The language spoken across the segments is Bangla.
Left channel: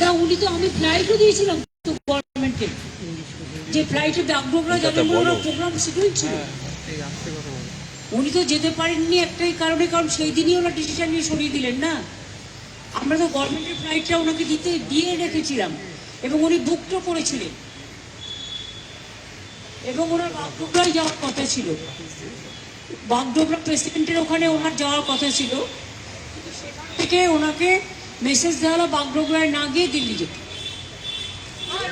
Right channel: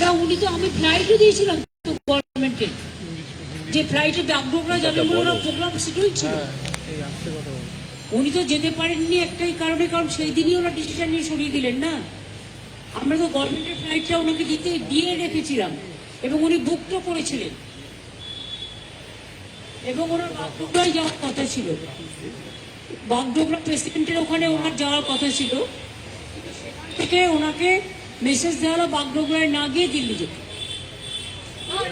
না, উনি তো, আমি ফ্লাইটও দিয়েছিলাম গভর্নমেন্টকে, যে ফ্লাইটে বাগডোগরা যাবে বলে ওরা প্রোগ্রাম শিডিউল ছিল। উনি তো যেতে পারেননি একটাই কারণে, কারণ সেই দিনই ওরা ডিসিশন নিয়ে সরিয়ে দিলেন না। আমরা তো গভর্নমেন্টের ফ্লাইটটা ওনাকে দিয়ে রেখেছিলাম এবং উনি বুকও করেছিলেন এবং ওনার বাগডোগরায় যাওয়ার কথা ছিল। বাগডোগরা প্রেসিডেন্টের ওখানে ওনার যাওয়ার কথা ছিল, সেখান থেকে ওনাকে মেসেজ দেওয়া হলো বাগডোগরায় না গিয়ে দিল্লি যেতে।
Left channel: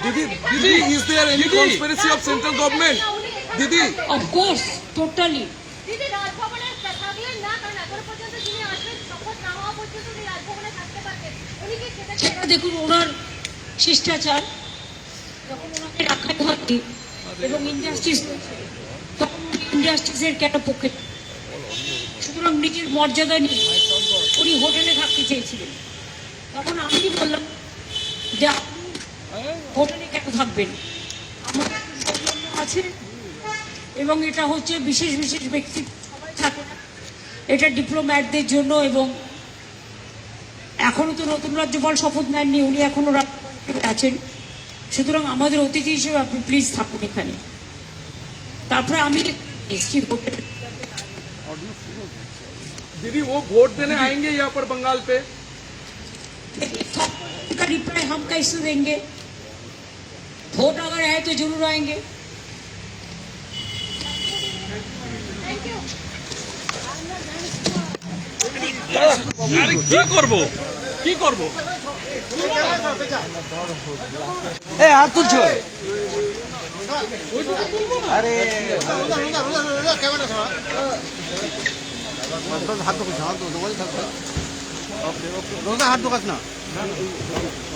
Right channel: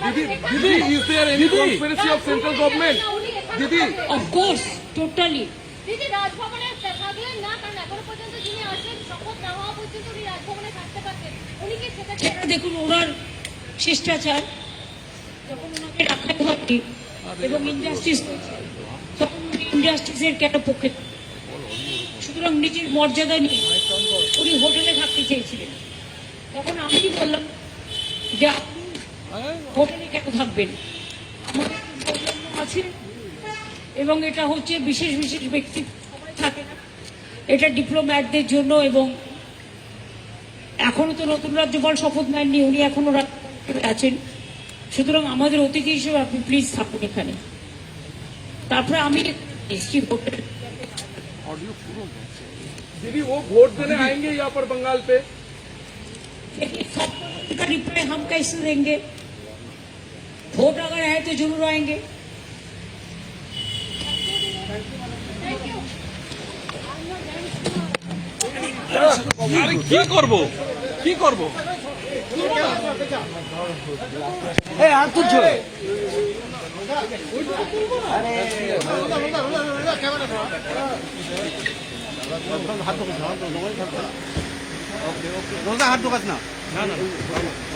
Didi, is there any conspiracy of central government? Didi, of course, totally. দেখুন, ওনার শিষ্টাচার, যখন ওনাকে রাখাই হয়নি এবং ইন্ডাস্ট্রিজ, তখন ইন্ডাস্ট্রিজের কেন পক্ষে, সুতরাং নিজের মর্যাদা নিয়ে উনি হোটেলে থাকতে চেয়েছিলেন। তখন আমি বললাম যে আপনি হোটেলে কেন থাকবেন, আমাদের সৌজন্য আছে এবং এটা হচ্ছে বিশেষ বিশেষ ব্যক্তি, সবাই থাকে না, এটা ডিপ্লোম্যাটদের জন্য। এবং এখনো তো নতুন রাজ্যপাল শপথ নেননি, উনি এখনো রাজ্যপাল আছেন, সুতরাং আমাদের অতিথি হিসেবে আপনি প্লিজ থাকুন এখানে। তারপরে আমি दीदी वो वोट देने आएंगे यहाँ पर बंगाल पे? का रिप्लाई हम कैसे देंगे? वोट अगर है तो जरूर आएंगे। কি করব কি করব এ আর তুলছো আরে হাত ধোকাস না, ওকে ওকে রোজা হাত ধোকাস না,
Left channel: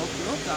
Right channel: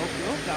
ওকে ওকে